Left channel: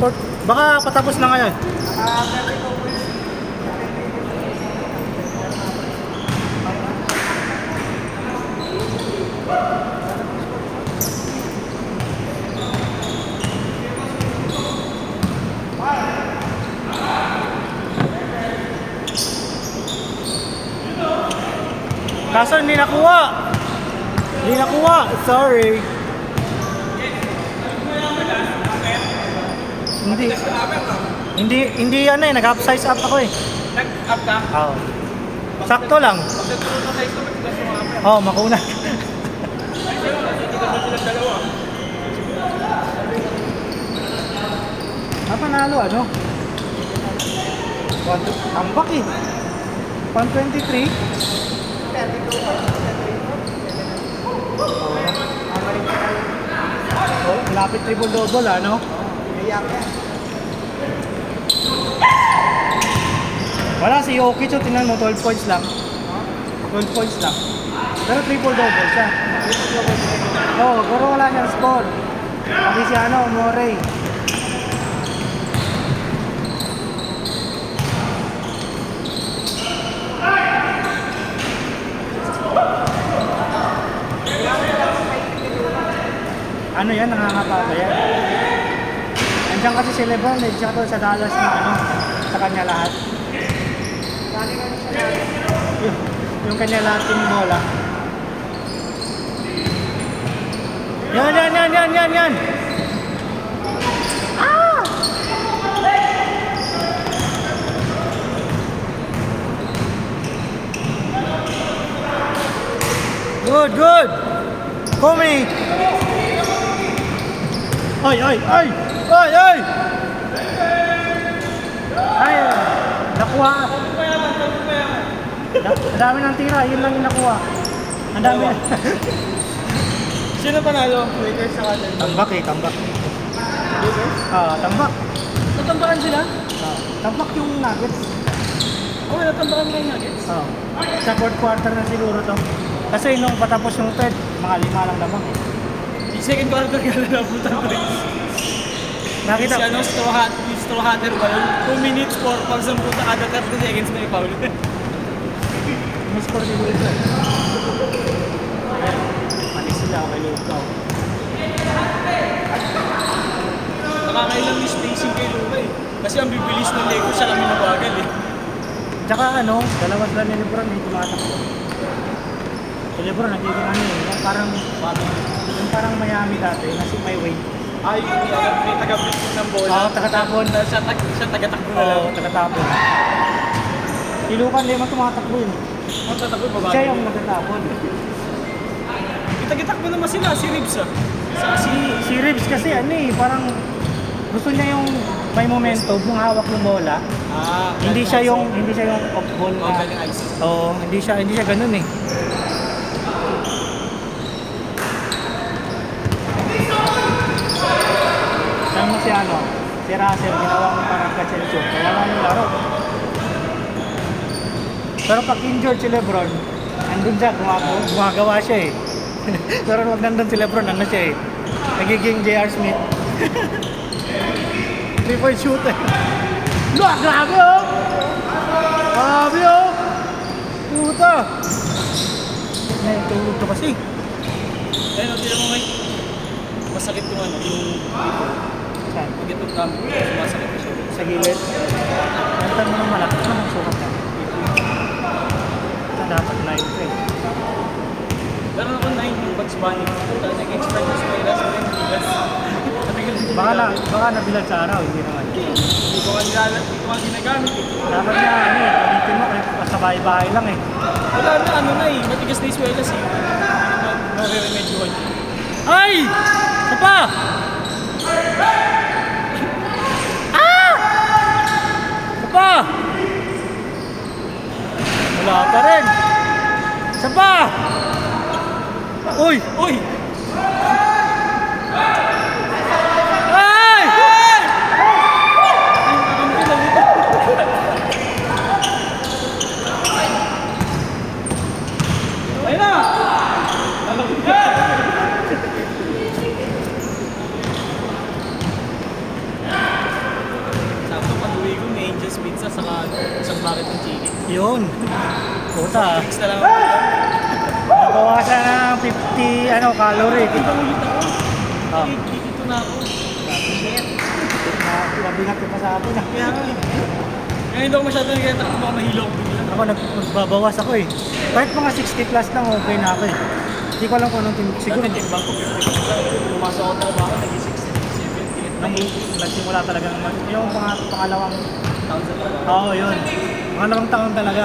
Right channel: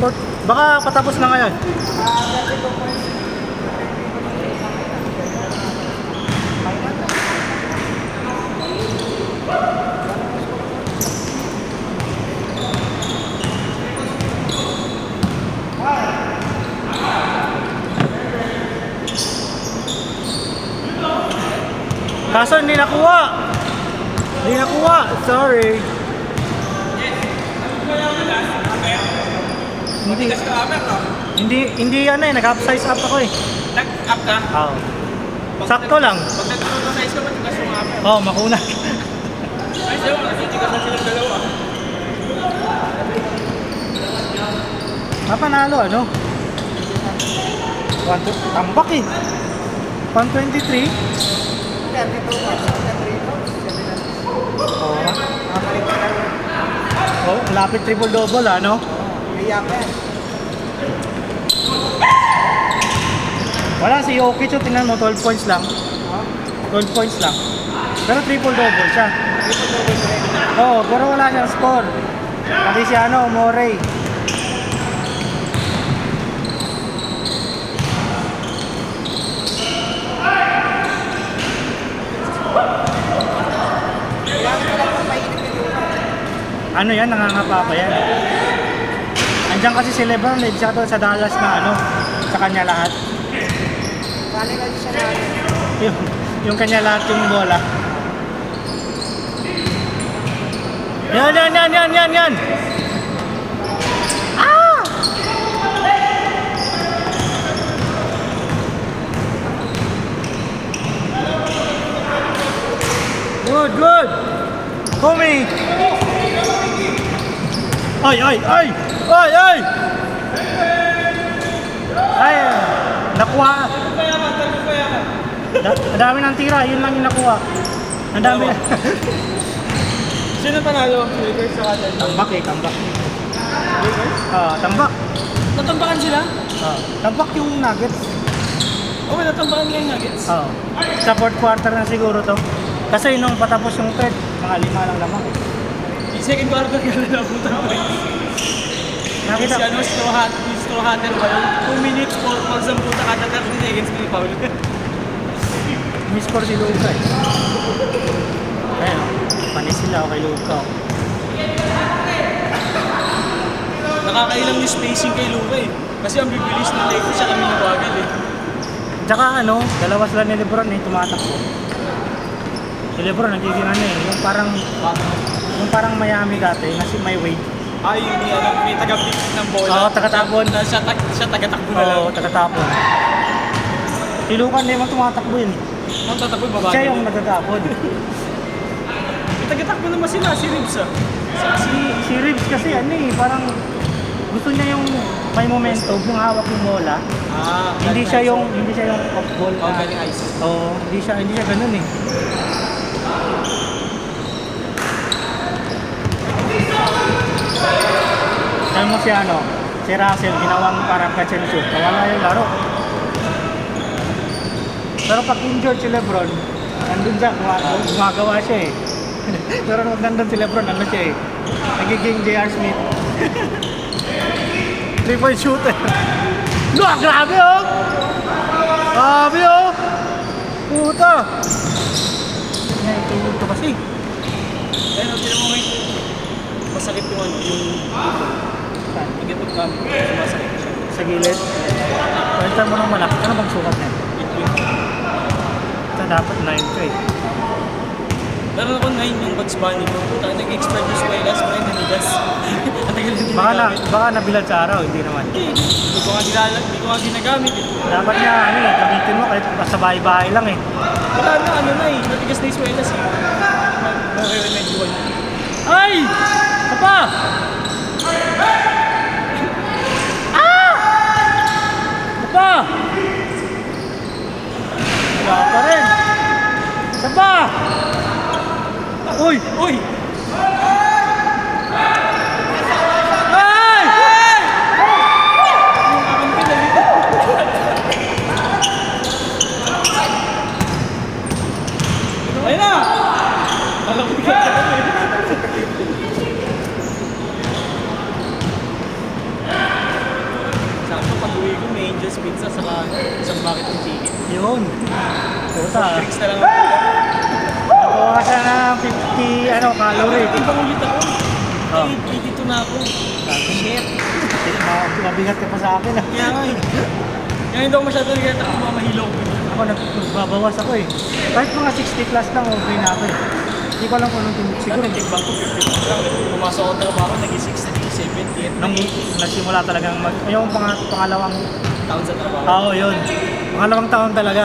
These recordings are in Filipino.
Baka patapos na ngayon. Kaso hindi nakuha. Hindi nakuha. Sorry. Hindi ano eh, nag-upsize up ako eh. Nag-up ka? Oo. Sakto lang. Pag nag-upsize ka, matigas yung up. Oo, makuna. Ay, siya, natitigas na silang dalawa. Napanalo ano? Tambak eh. 123. Oh, lapit triple-double ano? Wala si Jokic, so tingnan mo, 12 points lang. 12 points lang. Pero triple-double siya. Oh, pero wala niyang score. Hindi si ano, Morey. Ano yan, nangangapa pa yan. Andiyan kasi si Lebron, siya to sa Dallas na ano, sa kanya lahat. Yung kanya lahat yung bola. Yan. Ah! Good. Tommy! Ay! Nakuha. Ang dami ng tira, yun lang yung nakuha. Ang dami. Sino panalo? Lakers sa Denver. Tambak. Lakers? Tambak. Natambakan sila? Tambak yung Nuggets. Oo, natambakan nila yung Nuggets. Sa fourth quarter na siguro to. Kasi nung patapos yung third, mga 5 lang naman eh. Yung second quarter kaya nabutan ko. Nakita. Si ano, Sto Hunter ba yun? 2 minutes, 4 fouls ang puta kada 30 seconds may foul. Miss-score si Luka eh. Ayan, mali sila kay Luka. Nakakailang yung spacing kay Luka eh. Kasi ang bibilis ng Lakers, siya lang mawagil eh. Tsaka ano, dalawa sila ni Lebron eh, tumatakbo. Si Lebron nagiging ano eh, yung parang Miami dati, kasi may weight. Ay, yun yan, may taga-pick ng bola. Oo, taga-tapon. Siya taga-takbo na lang. Oo, taga-tapon. Si Luka hindi mo tumatakbo yun. Ang tatakbo, babae. Siya yung nagtatapon. Taga-takbo naman sila, si Ribs ah. Si Reeves kasi ano eh, parang gusto niya yung may momentum, yung hawak ng bola. Hindi siya yung off ball na. Oo, hindi siya ganun eh. Alam mo si Russell, ginawang parang catch and shoot, kaya nga yung laro. Pero pag injured si Lebron, nandun siya, gumagawa siya eh. Pero pag nandun si Lebron, ano siya eh, nagiging J.R. Smith. 3-point shooter. Grabe oh! Grabe oh! Puta! Natulog ka kasi. Ayun, hindi mo may masakit yung ano, yung Saan? pag itong gamit, masakit na siya. Sa gilid. Balikan mo naman ako. Ano bang sulat niya? Ito dapat 9 ka eh. Laro ako 9 yung Bugs Bunny. Talagang nag-expert yung spy last night, nanigas. Baka nabilag sa araw, hindi naman. Hindi ko nga ginagamit eh. Dapat na ano eh, gamitin mo kahit sa bahay-bahay lang eh. Wala na, ano na eh, matigas na yung swelas eh. Nare-remedyoan. Ay! Isa pa! Isa pa! Wala pa rin! Isa pa! Uy! Uy! Ay! Ayun na! puta. Drinks na lang. Nabawasan na ng 50 calorie. Yung pangulit ako. Oh. 82 na ako. Shit. Nabigat ka pa sa akin ah. Kaya nga eh. Ngayon hindi ako masyado nagkita kung mga mahilo. Ako nagbabawas ako eh. Kahit mga 60 plus lang, okay na ako eh. Hindi ko alam kung anong siguro. Siguro nagtimbang ko. Pumasok ako talaga ako, naging 60, 78. Nung nagsimula talagang yung pangalawang Taon sa talaga. tao yun. Pangalawang taon talaga.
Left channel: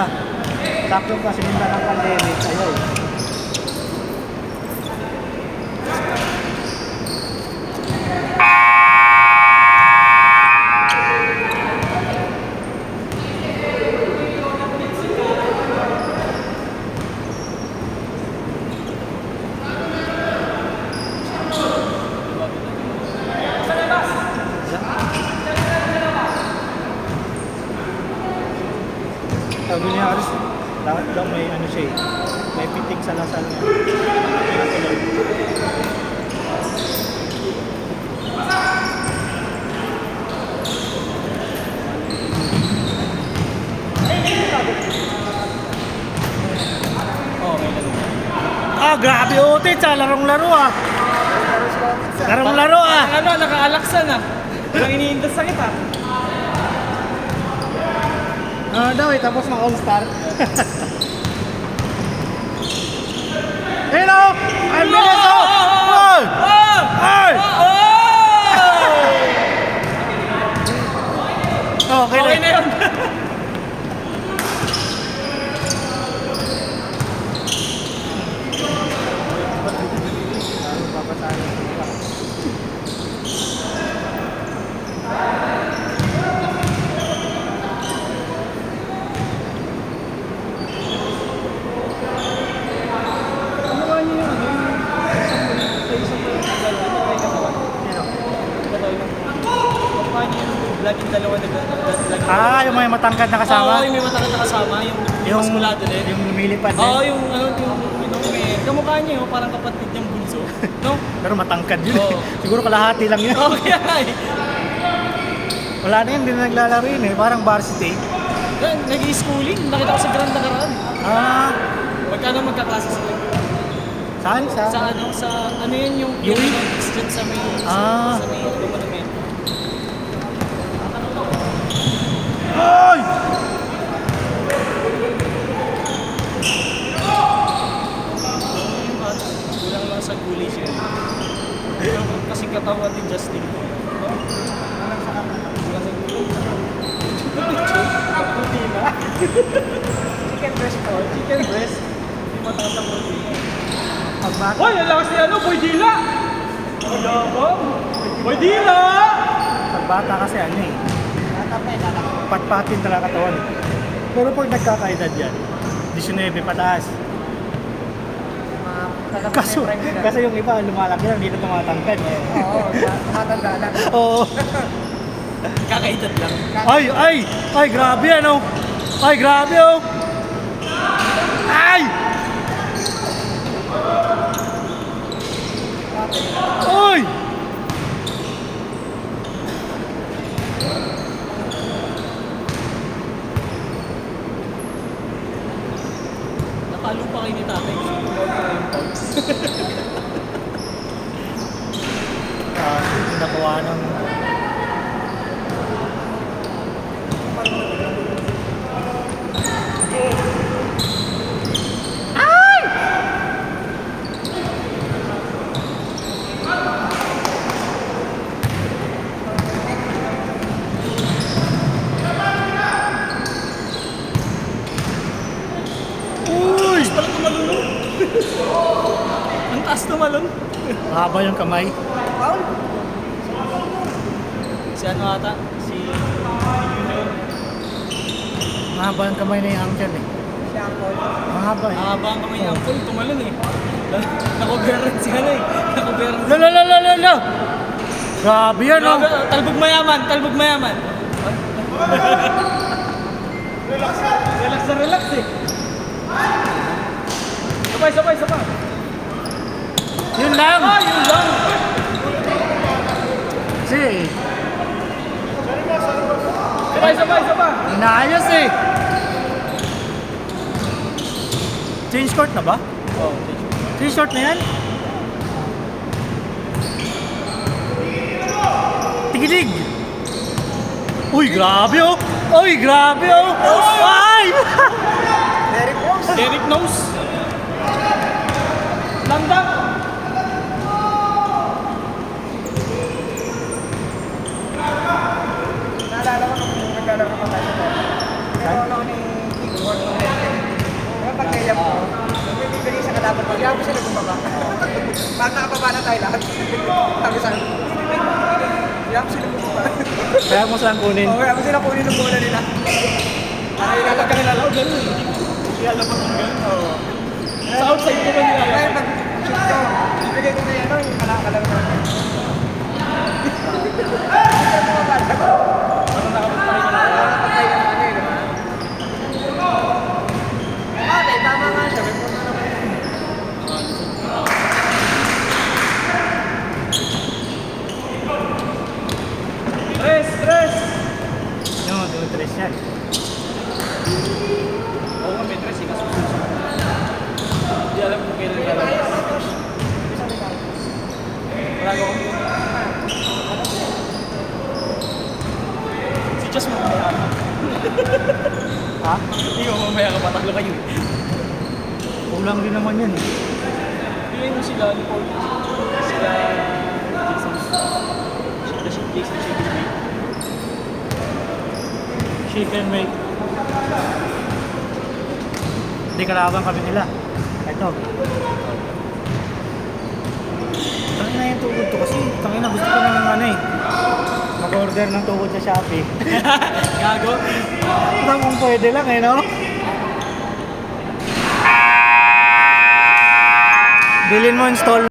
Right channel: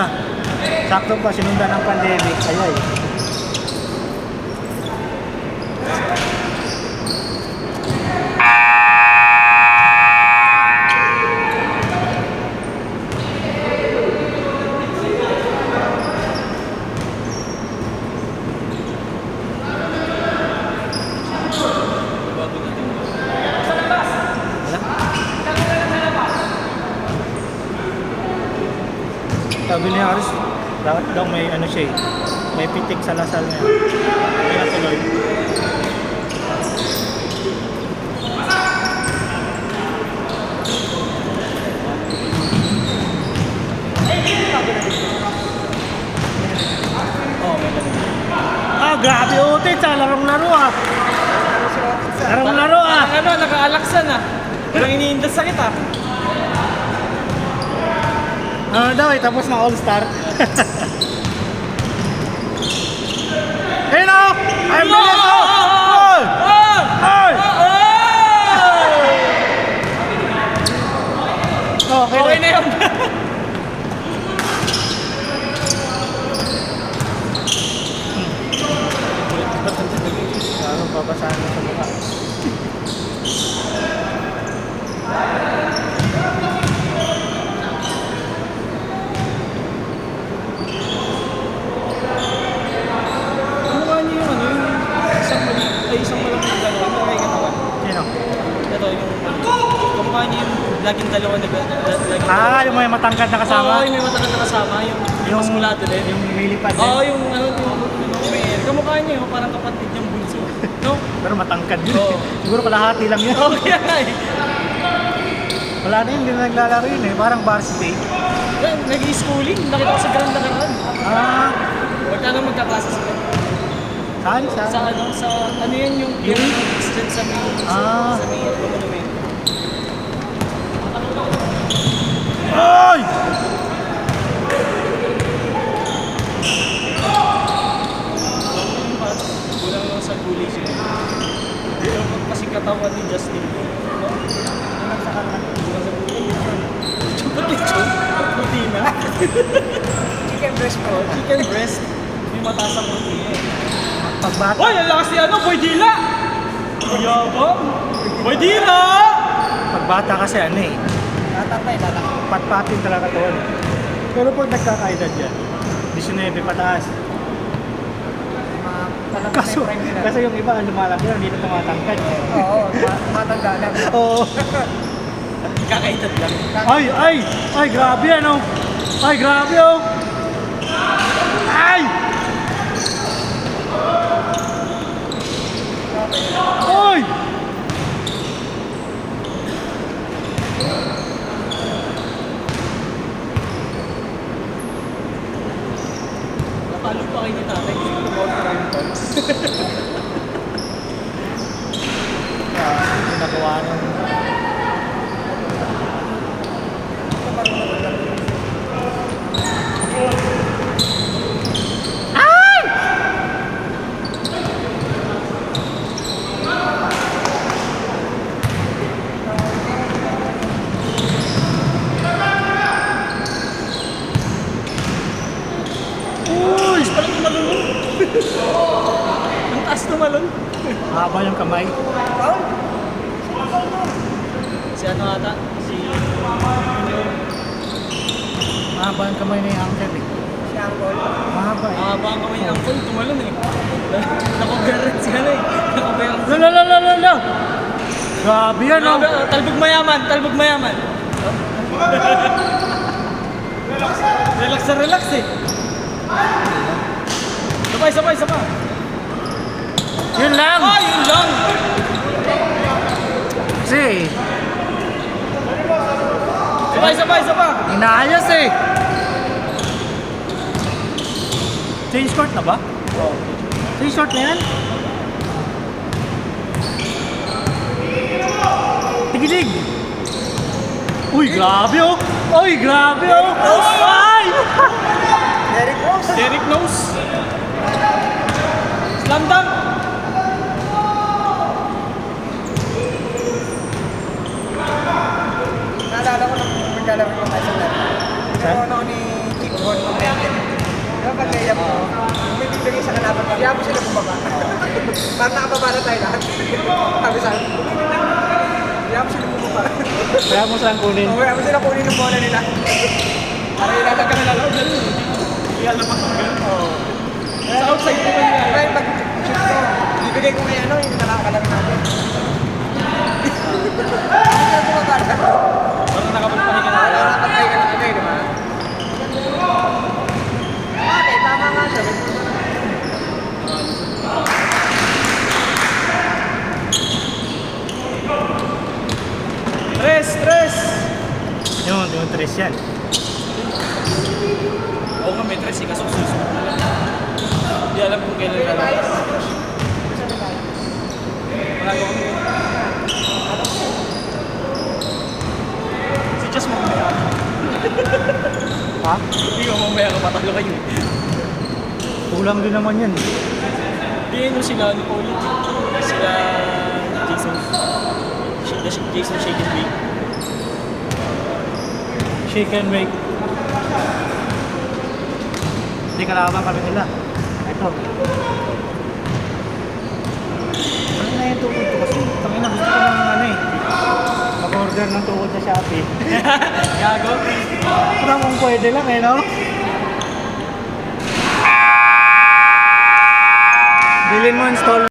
Sakto pa sinundan ng pandemic. Ayun. Sabi niya Aris, dapat daw may ano siya eh. May pitik sa lasal niya. Kaya tuloy. Grabe utit sa larong-laro ah. Larong-laro ah. Parang ano, nakaalaksan ah. Parang iniindas sa kita. Ano daw eh, tapos na all-star. Hey no! I'm gonna go! Oh! Hey! Okay, Okay na yun. Papasahan mo sa mukha. Ano nga niyo yun? Isang dalawa. Nakahinga pa ba? Sino? Ito yun. Kumukha niyo yung laging dalawa na Yung may matangkad na kasama? Oo, yung may matagal na kasama. Yung maskulado din. Yung lumilipad din? Oo, yung kamukha niya, yung parang kapatid ng bunso. No? Pero matangkad yun Oo. eh. Siguro kalahati lang yun. Oo, kaya eh. Wala na yun, hindi na naglalaro yun eh. Parang varsity. Yan, nag-i-schooling. Nakita ko sa barang nakaraan. Ah, Magkano magkaklase sila? saan? Sa ano, sa ano yan yung Yuri? street sa may Ah. sa monumento. Ay! Kulang lang sa gulay siya. Pero kasi katawan ni Justin. Alam sa kanan. Puti na. Chicken breast ko. Chicken breast. May mataas ang puti. Pagbata. Hoy, ang lakas ni ano, Boy Dila! Boy Dila! Pagbata kasi ano eh. Patpatin talaga katawan. Pero pag nagkakaedad yan, 19 pataas. Kaso, kasi yung iba lumalaki yan, hindi na tumatangkad. Oo, tumatanda lang. Oo. Kakaitad lang. Ay, grabe ano. Ay, grabe oh. Ay! Ay! Nakalo pa kayo ni tatay. Tumawag na yung pogs. Nagawa ng... Uy! Parang tumalon. Ang taas tumalon. Mahaba yung kamay. Paul? Si ano ata? Si... Mahaba yung kamay na yung angker eh. Si Angkol. Mahaba eh. Mahaba ang kamay ng Angkol, tumalon eh. Nakuberan sila eh. Nakuberan sila. Lala! Grabe yan oh. Talbog mayaman, talbog mayaman. Relax na relax eh. Sabay. Yun lang. Yun lang. Kasi Sabay. inaayos eh. Change court na ba? Oo. 3 short na yan? Tigilig! Uy, grabe oh! Uy, grabe oh! Ay! Derek Rose. Derek Nose. Slanda. Naalala ko nung magkalaro ko kasi na. Nagkaroon ako ni Chico Juan. Kaya pag layap ko, kung may bibigay sa kalaban ko, kaya mo sila bumaba. Parang nakababa na tayo lahat. Sabi sa akin, kaya mo sila bumaba. Kaya mo saan kunin? Oo, kaya mo sila kunin ng bola nila. Parang ilatag ka na lang, ganun. Iyala pa. Oo. Sa outside ko ba niya? Kaya pag shoot ko, bibigay ko na ano, yung kalaro namin. Nakapatay ka na ano eh, di ba? Okay, tama nga siya. May punta naman. Tres! Yung tres yan. Oo nga, may tres. Ikasusunod. Hindi alam kung kailan lalabas. Malago kami. Si Chas mamaya. Ha? Hindi ko mamaya ka patalo kayo eh. Kulang din naman yun. Bigyan mo sila, ano po, sila Jason. Jason Shake and Bake. Shake and bake. Hindi kalaban kami nila. Ito. Ano na yung tukod ko kasi tangin na gusto ko ng ano eh. Mag-order ng tukod sa Shopee. Gago. Ito kung pwede lang eh, no? Bilhin mo install